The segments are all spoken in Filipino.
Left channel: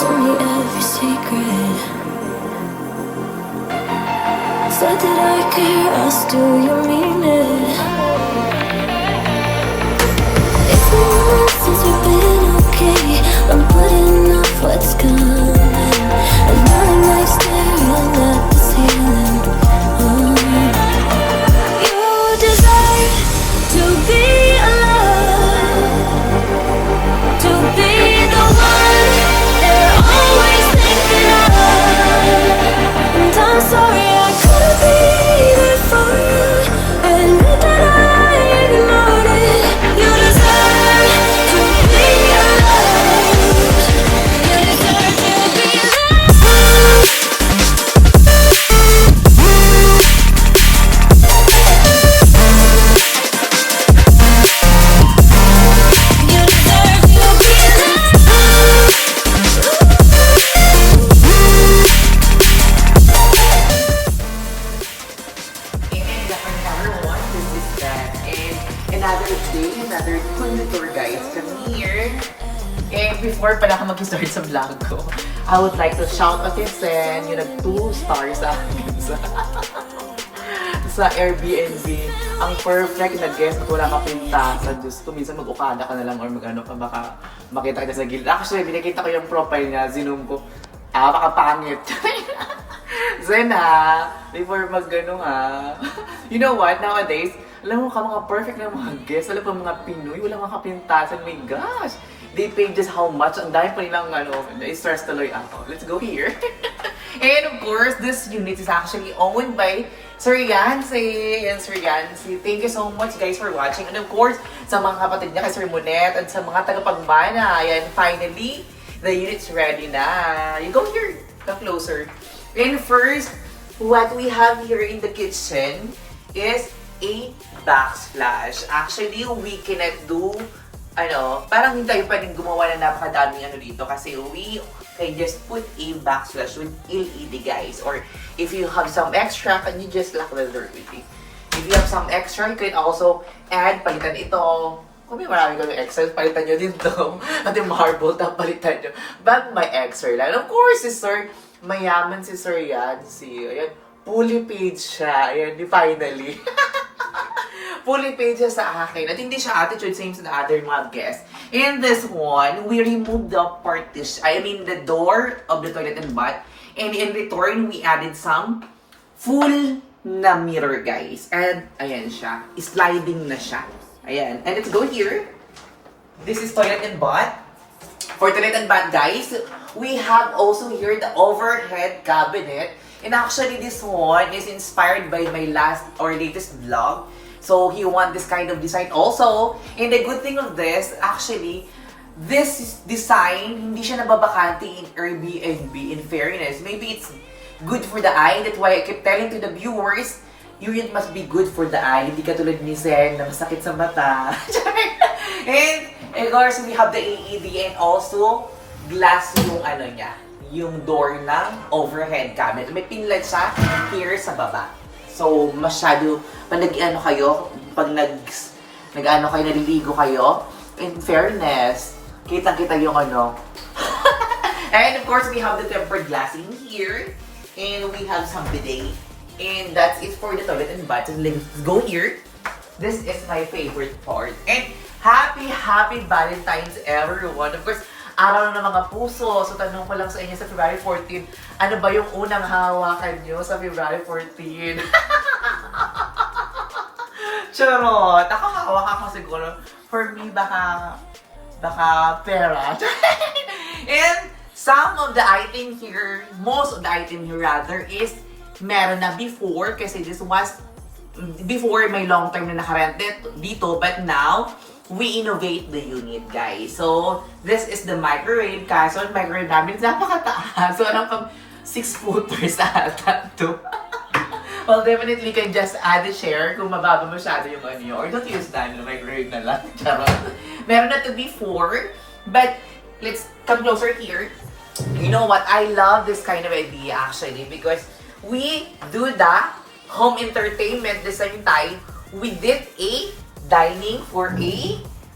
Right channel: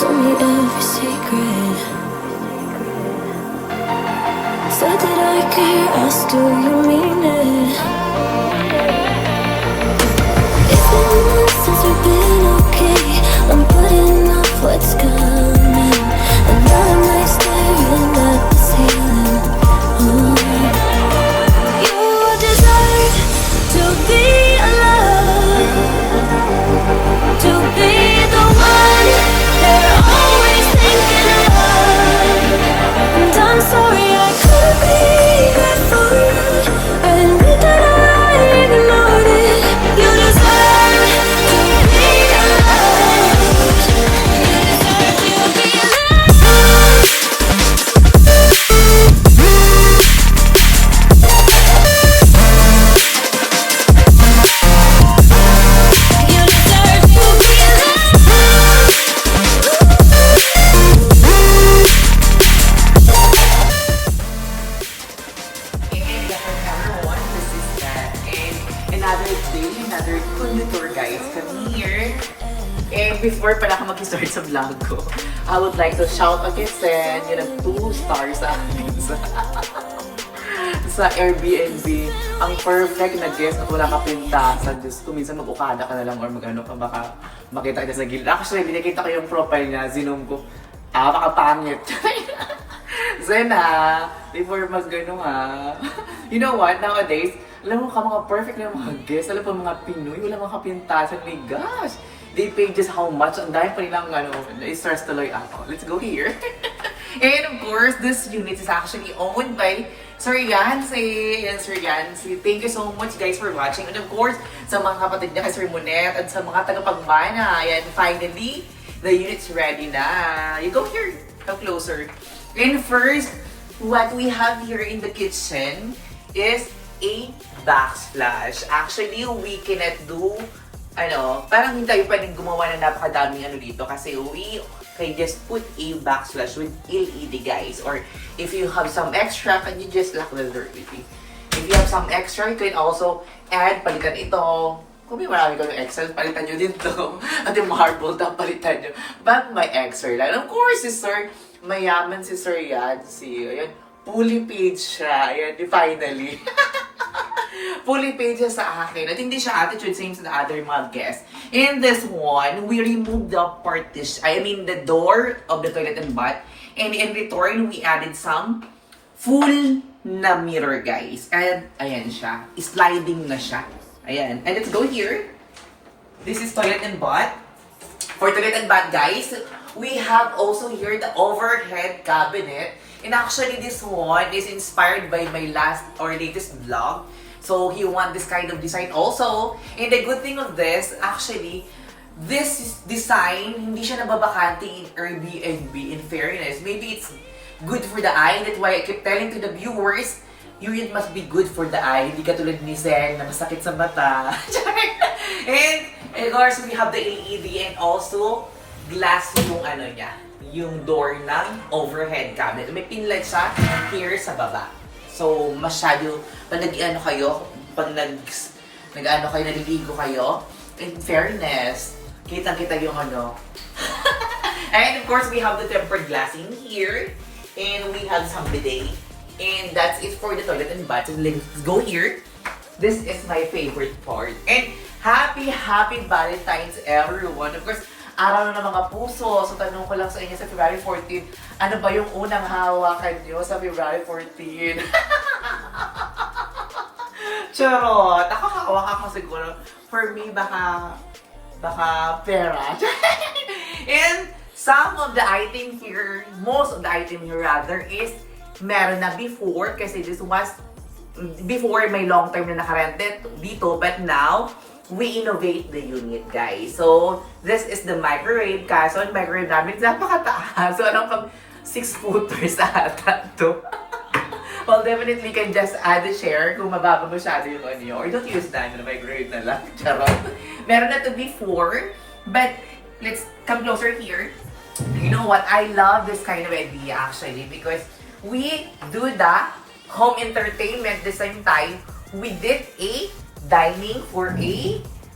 told me every secret. Said that I care, asked do you mean it? It's been months since we've been okay. I'm putting off what's coming. Another night staring at the ceiling. You deserve to be alone, to be the one they're always thinking of. And I'm sorry I couldn't be there for you. I admit that I ignored it. You deserve to be loved. You deserve to be loved. You deserve to be loved. And everyone, this is Dan. And another day, another cool tour guys. Kami here. And before pala ako mag-start sa vlog ko, I would like to shout out yung Sen, yung nag 2 stars sa akin sa Airbnb. Ang perfect na guest at wala ka pintasan. Diyos ko, minsan mag-ukada ka na lang or mag-ano ka, baka makita kita sa gilid. Actually, binakita ko yung profile niya, zinom ko. Baka pangit. Zen before mag-ano you know what, nowadays, alam mo ka mga perfect na mga guests, alam mo mga Pinoy, wala mga kapintasan, my gosh! They pay just how much, ang dahil pa nilang stars tuloy ako. Let's go here! And of course, this unit is actually owned by Sir Yancy. And Sir Yancy, thank you so much guys for watching. And of course, sa mga kapatid niya kay Sir Monet at sa mga tagapagbana, ayan, finally, the unit's ready na. You go here, come closer. And first, what we have here in the kitchen is a backsplash. Actually, we cannot do, parang hindi tayo pwedeng gumawa ng napakadaming dito kasi we can just put a backsplash with LED guys. Or if you have some extra, can you just lock the door? If you have some extra, you can also add, palitan ito. Kung may marami kami extra, palitan nyo din to. At yung marble, palitan nyo. But my extra lang. Of course, Sir, mayaman si Sir Yancy. Ayan, fully paid siya. Ayan, finally. Fully paid siya sa akin. At hindi siya attitude, same sa the other mga guests. In this one, we removed the partition, the door of the toilet and bath. And in return, we added some full na mirror, guys. And, ayan siya. Sliding na siya. Ayan. And let's go here. This is toilet and bath. For toilet and bath, guys, we have also here the overhead cabinet. And actually, this one is inspired by my last or latest vlog. So, he want this kind of design also. And the good thing of this, actually, this design, hindi siya nababakante in Airbnb, in fairness. Maybe it's good for the eye. That's why I keep telling to the viewers, unit must be good for the eye. Hindi katulad ni Zen na masakit sa mata. And of course, we have the LED and also glass yung niya, yung door ng overhead cabinet. May pinlight siya here sa baba. So, masyado, pag kayo, pag naliligo kayo, in fairness, kitang-kita yung And of course, we have the tempered glass in here. And we have some bidet. And that's it for the toilet and bath. So let's go here. This is my favorite part. And happy Valentine's everyone. Of course, araw ng mga puso. So tanong ko lang sa inyo sa February 14, ano ba yung unang hawakan nyo sa February 14? Charot! Ako hawak ako siguro. For me, baka pera. And some of the item here, most of the item here rather, is meron na before kasi this was before may long term na nakarented dito, but now we innovate the unit, guys. So this is the microwave. Kaso ang microwave namin napakataas. So anong pang 6-footers ata to. Well, definitely can just add a share kung mababa masyado yung nyo. Or don't use that, microwave na lang. Charot. Meron na to before, but let's come closer here. You know what? I love this kind of idea actually because we do the home entertainment the same time. We did a dining for a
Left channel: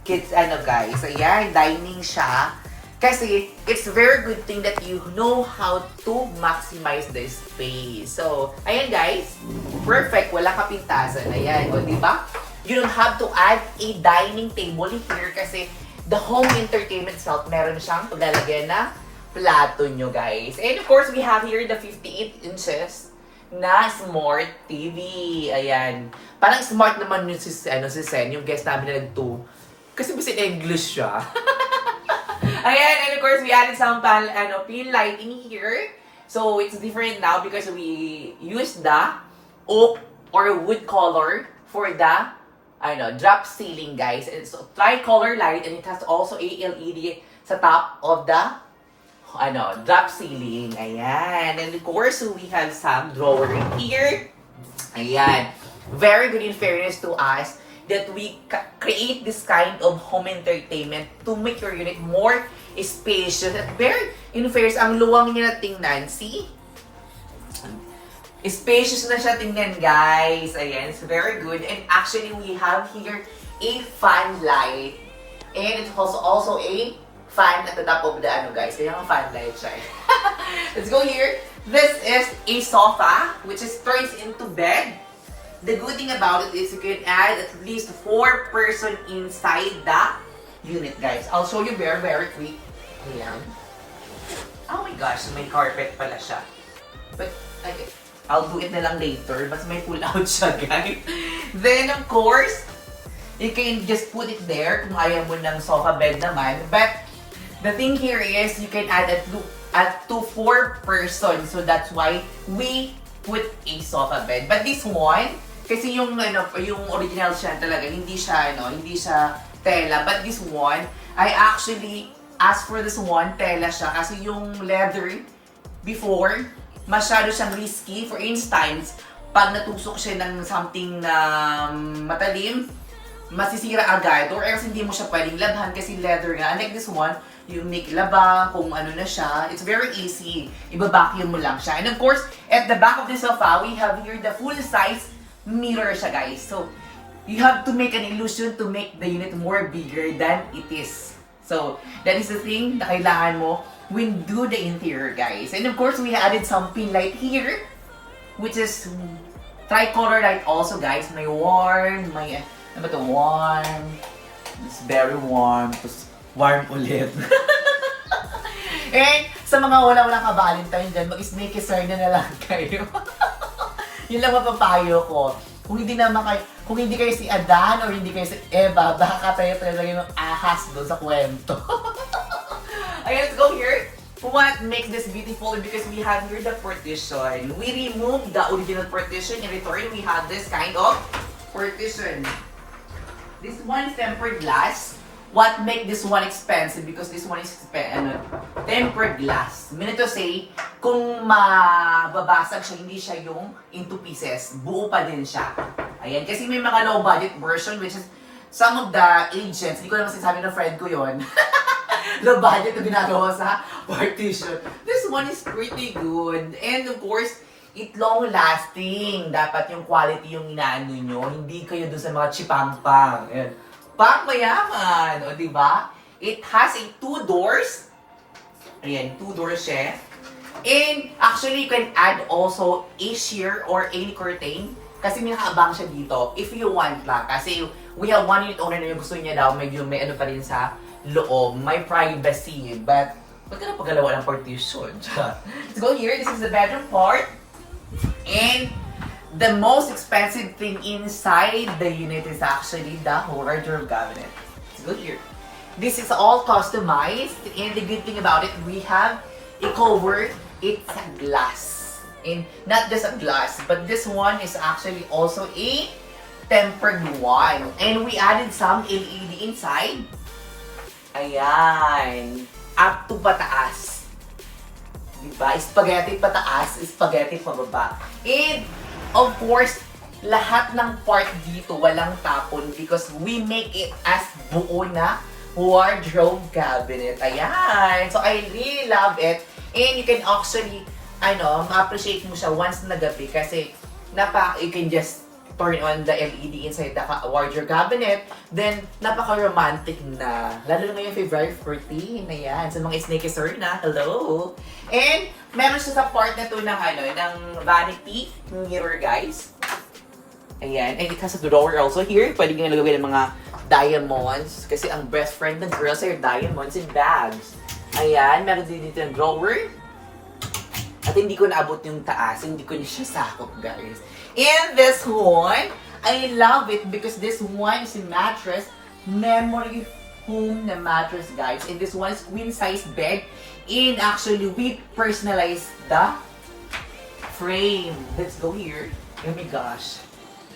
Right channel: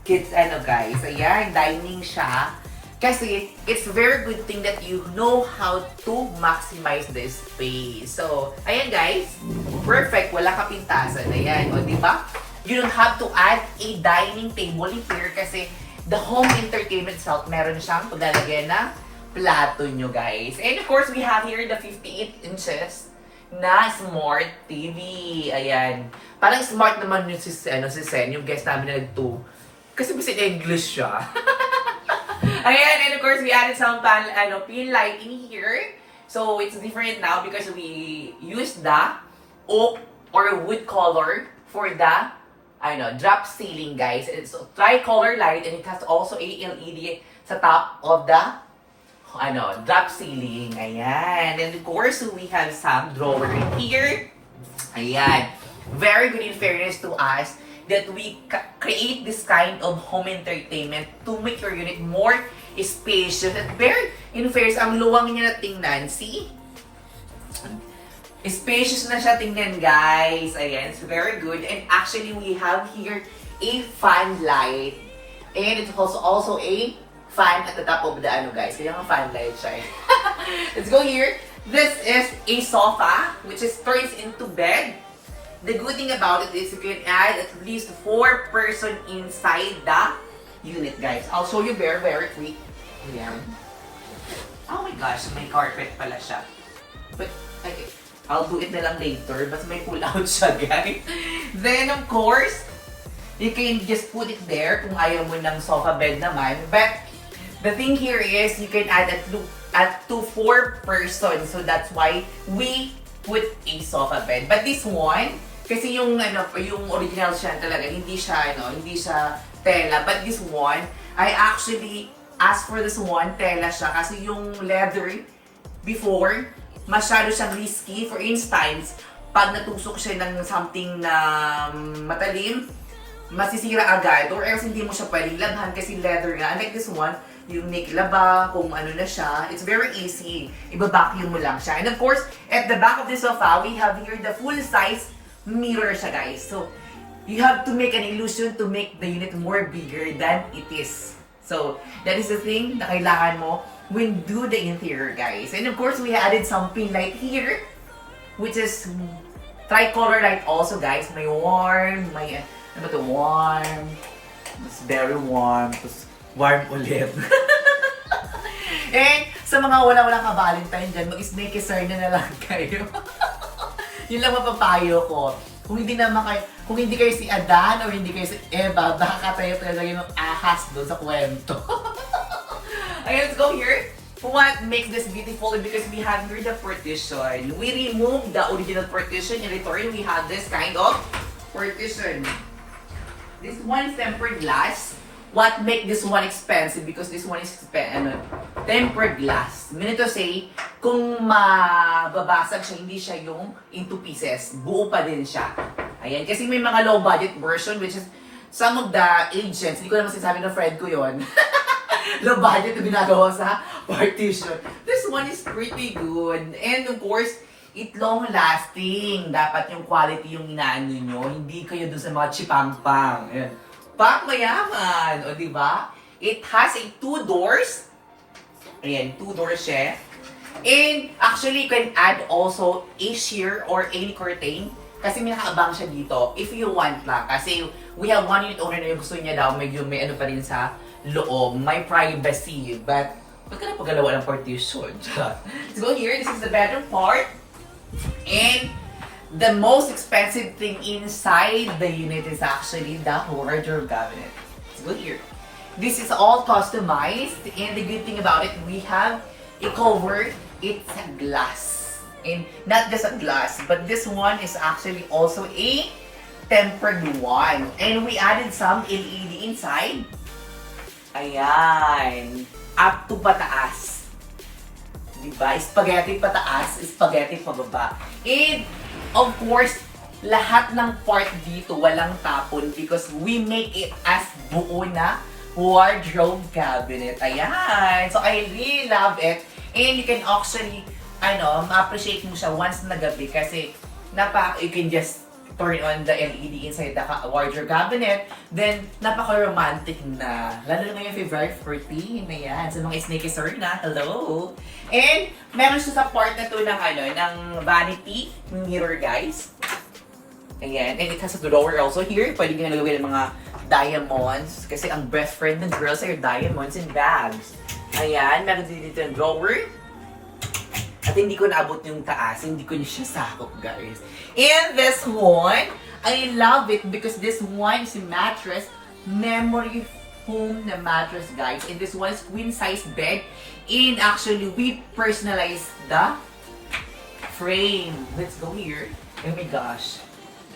kids guys. So yan, dining siya. Kasi, it's a very good thing that you know how to maximize the space. So, ayan guys, perfect, wala kapintasan. Ayan, o diba? You don't have to add a dining table here kasi the home entertainment itself, meron siyang paglalagyan na plato nyo guys. And of course, we have here the 58 inches na smart TV. Ayan. Parang smart naman yung si Sen, yung guest namin na nag-2. Kasi mas in English siya. Ayan, and of course, we added some pin lighting here. So, it's different now because we used the oak or wood color for the drop ceiling, guys. And it's a tricolor light and it has also a LED sa top of the drop ceiling. Ayan. And of course, we have some drawer in here. Ayan. Very good in fairness to us that we create this kind of home entertainment to make your unit more spacious. Very in fairness, ang luwang niya na tingnan. See? Spacious na siya tingnan, guys. Ayan, it's very good. And actually, we have here a fan light. And it's also a fan at the top of the guys. Kaya nga fan light siya. Let's go here. This is a sofa, which is turns into bed. The good thing about it is you can add at least 4 person inside the unit, guys. I'll show you very, very quick. Ayan. Oh my gosh, may carpet pala siya. But, okay. I'll do it na lang later. But may pull out siya, guys. Then, of course, you can just put it there kung ayaw mo ng sofa bed naman. But, the thing here is you can add to 4 person. So, that's why we put a sofa bed. But this one, kasi yung original siya talaga, hindi siya tela. But this one, I actually asked for this one, tela siya. Kasi yung leather before, masyado siyang risky. For instance, pag natusok siya ng something na matalim, masisira agad. Or else hindi mo siya pwedeng labhan kasi leather nga. Unlike this one, yung laba, kung ano na siya, it's very easy. Iba-vacuum mo lang siya. And of course, at the back of the sofa, we have here the full-size mirror siya, guys. So, you have to make an illusion to make the unit more bigger than it is. So, that is the thing na kailangan mo when do the interior, guys. And of course, we added some pin light here, which is tricolor light also, guys. May warm, may, warm. It's very warm. Tapos, warm ulit. And sa mga walang ka-Valentine din, mag-snake-kisser na lang kayo. Yun lang mapapayo ko. Kung hindi kayo si Adan or hindi kayo si Eva, baka tayo talaga yung ahas doon sa kwento. Okay, let's go here. What makes this beautiful is because we have here the partition. We remove the original partition. In return, we have this kind of partition. This one is tempered glass. What make this one expensive? Because this one is tempered glass. Meaning to say, kung mababasag siya, hindi siya yung into pieces. Buo pa din siya. Ayan. Kasi may mga low budget version, which is some of the agents, hindi ko naman sinasabi ng friend ko yon. Low budget na ginagawa sa partition. This one is pretty good. And of course, it long lasting. Dapat yung quality yung inaano nyo. Hindi kayo dun sa mga chipampang. Ayan. Pang mayaman, o diba? It has 2 doors. Ayan, 2 doors siya. And actually, you can add also a sheer or any curtain. Kasi may nakaabang siya dito. If you want lang. Kasi we have one unit owner na yung gusto niya daw, medyo may ano pa rin sa loob. May privacy. But, huwag ka na paggalawa ng partition. Let's go here. This is the bedroom part. And the most expensive thing inside the unit is actually the wardrobe cabinet. Let's go here. This is all customized, and the good thing about it, we have a cover. It's a glass, and not just a glass, but this one is actually also a tempered one. And we added some LED inside. Ayan, up to pataas. Diba? Spaghetti pataas, spaghetti pababa. And of course, lahat ng part dito walang tapon because we make it as buo na wardrobe cabinet. Ayan! So, I really love it. And you can actually, ma-appreciate mo siya once na gabi kasi you can just turn on the LED inside the wardrobe cabinet, then napaka-romantic na. Lalo na yung February 14, ayan, sa mga sneaker na, hello! And meron siya sa part na to ng, ng vanity mirror, guys. Ayan, and it has a drawer also here. Pwede nga nalagay ng mga diamonds, kasi ang best friend ng girls ay diamonds and bags. Ayan, meron din dito yung drawer. At hindi ko naabot yung taas, hindi ko niya siya sakop, guys. And this one, I love it because this one is a mattress, memory foam na mattress, guys. And this one is queen size bed. And actually, we personalized the frame. Let's go here. Oh my gosh.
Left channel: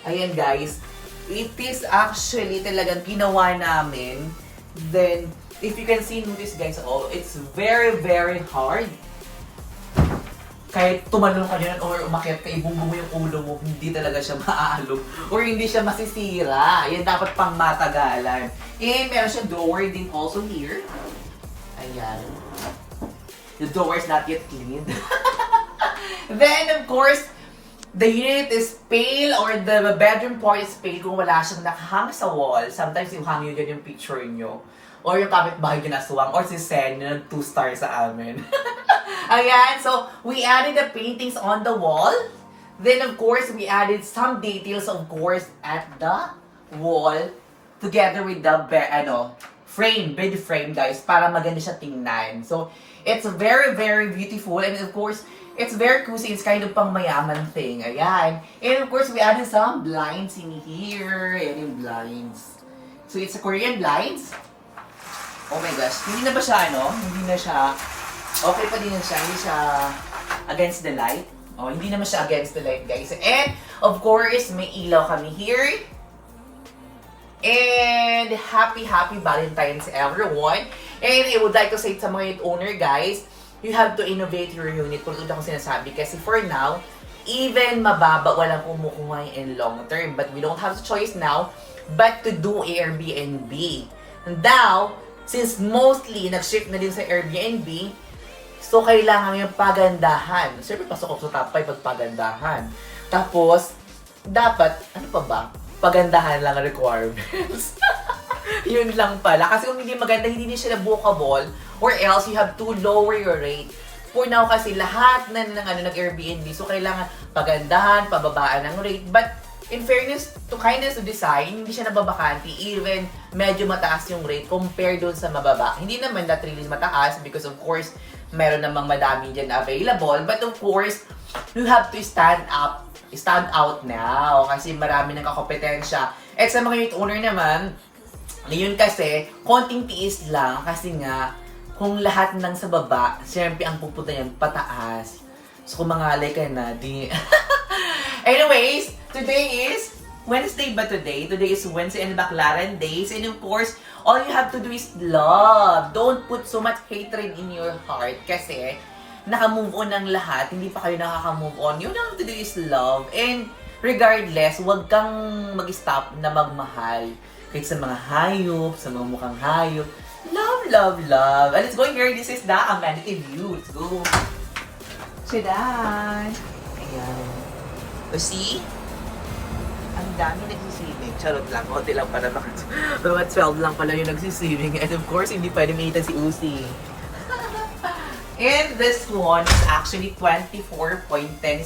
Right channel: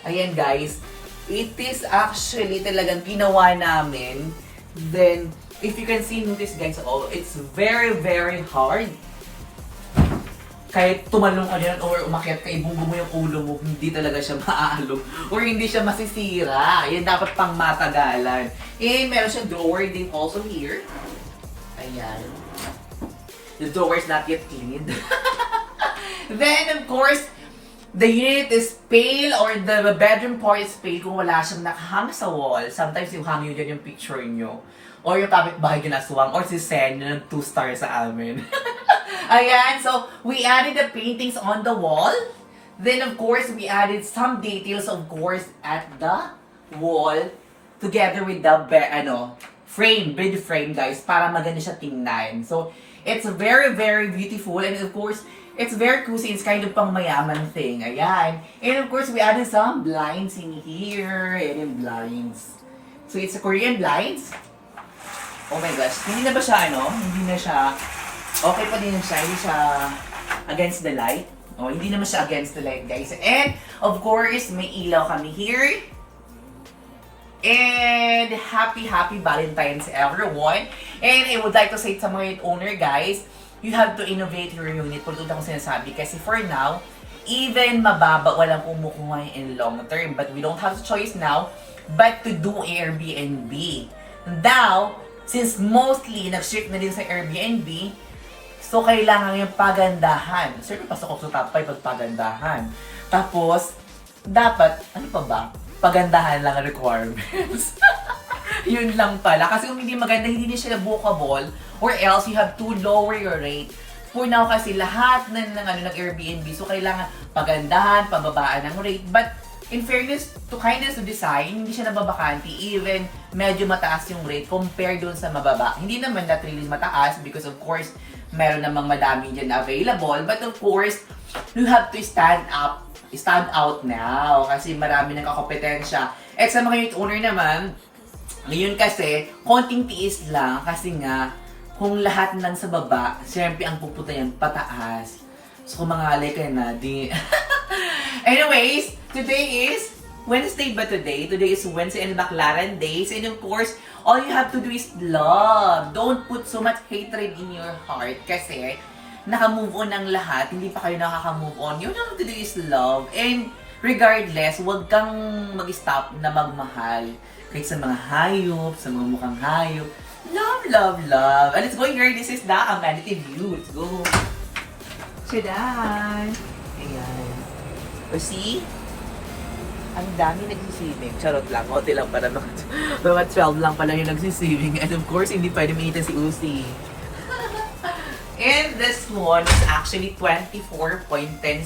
Ayan, guys. It is actually talagang ginawa namin. Then, if you can see, notice, guys, oh, it's very, very hard. Kahit tumalong ka dyan or umakyat ka, ibunggo mo yung ulo mo, hindi talaga siya maaalog or hindi siya masisira. Yan dapat pang matagalan. And meron siyang drawer din also here. Ayan. The drawer is not yet cleaned. Then, of course, the unit is pale or the bedroom part is pale kung wala siyang nakahang sa wall. Sometimes yung hangin yan yung picture nyo. Or yung kapitbahay nyo na suwang. Or si Sen, yung 2 stars sa amin. Ayan, so we added the paintings on the wall. Then of course, we added some details of course at the wall together with the frame, bed frame, guys, para maganda siya tingnan. So it's very, very beautiful and of course, it's very cozy. It's kind of pang mayaman thing. Ayan. And of course, we added some blinds in here and in blinds. So it's a Korean blinds. Oh my gosh, hindi na ba siya Hindi na siya okay pa din siya, hindi siya against the light. Oh, hindi naman siya against the light, guys. And, of course, may ilaw kami here. And, happy Valentine's, everyone. And, I would like to say sa mga unit owner, guys, you have to innovate your unit. Kung ako sinasabi. Kasi for now, even mababa, walang kumukuha in long term. But we don't have a choice now but to do Airbnb. Now, since mostly nag-shift na din sa Airbnb, so, kailangan yung pagandahan. Siyempre, pasok ako sa top 5 pag pagandahan. Tapos, dapat, ano pa ba? Pagandahan lang ang requirements. Yun lang pala. Kasi kung hindi maganda, hindi siya bookable. Or else, you have to lower your rate. For now kasi, lahat ng Airbnb. So, kailangan pagandahan, pababaan ng rate. But, in fairness, to kindness of design, hindi siya nababakanti. Even, medyo mataas yung rate compared doon sa mababa. Hindi naman not really mataas because of course, meron namang madami dyan available. But of course, you have to stand out now. Kasi marami ng kakompetensya. At sa mga unit owner naman, ngayon kasi, konting tiis lang. Kasi nga, kung lahat ng sa baba, siyempre ang pupunta yan pataas. So kung mangalay ka na, di... Anyways, today is Wednesday ba today? Today is Wednesday and Baclaran days. And of course, all you have to do is love. Don't put so much hatred in your heart. Kasi, naka-move on ng lahat. Hindi pa kayo nakaka-move on. You have to do is love. And regardless, huwag kang mag-stop na magmahal. Kahit sa mga hayop, sa mga mukhang hayop. Love, love, love. And let's go here. This is the amenity view. Let's go. Sidan. Ayan. You see? Ang dami nagsiswimming. Charot lang. Konti lang pala. Mga 12 lang pala yung nagsiswimming. And of course, hindi pwede makita si Uzi. And this one is actually 24.10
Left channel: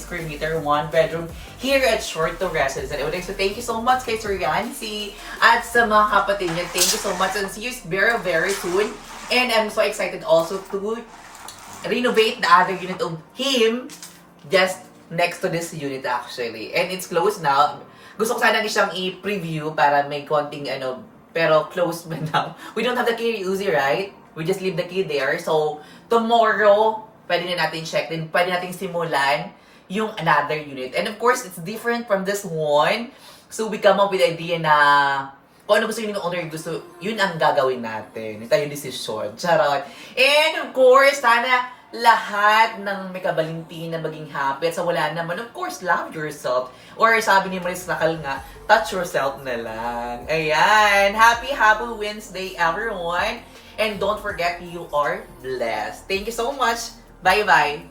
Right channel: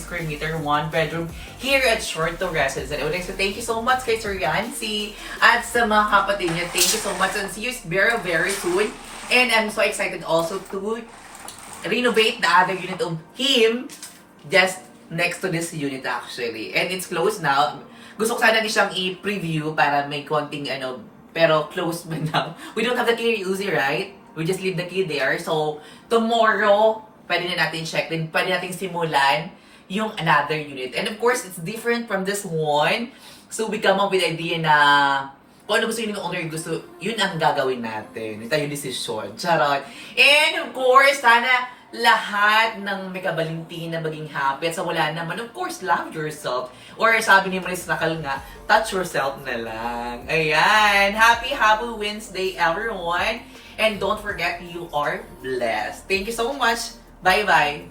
square meter, 1 bedroom here at Short to Residence. And I would like to thank you so much kay Sir Yancy at sa mga kapatid niya. Thank you so much and see you very, very soon. And I'm so excited also to renovate the other unit of him just next to this unit actually. And it's closed now. Gusto ko sana siyang i-preview para may konting pero closed ba now? We don't have the key, Uzi, right? We just leave the key there. So, tomorrow, pwede na natin check din. Pwede natin simulan yung another unit. And of course, it's different from this one. So, we come up with the idea na kung ano gusto yun yung owner gusto, yun ang gagawin natin. Ito yung decision. Charot. And of course, sana lahat ng may kabalintin na maging happy. At sa wala naman, of course, love yourself. Or sabi ni Maris Nakal nga, touch yourself na lang. Ayan. Happy Wednesday, everyone. And don't forget, you are blessed. Thank you so much. Bye-bye.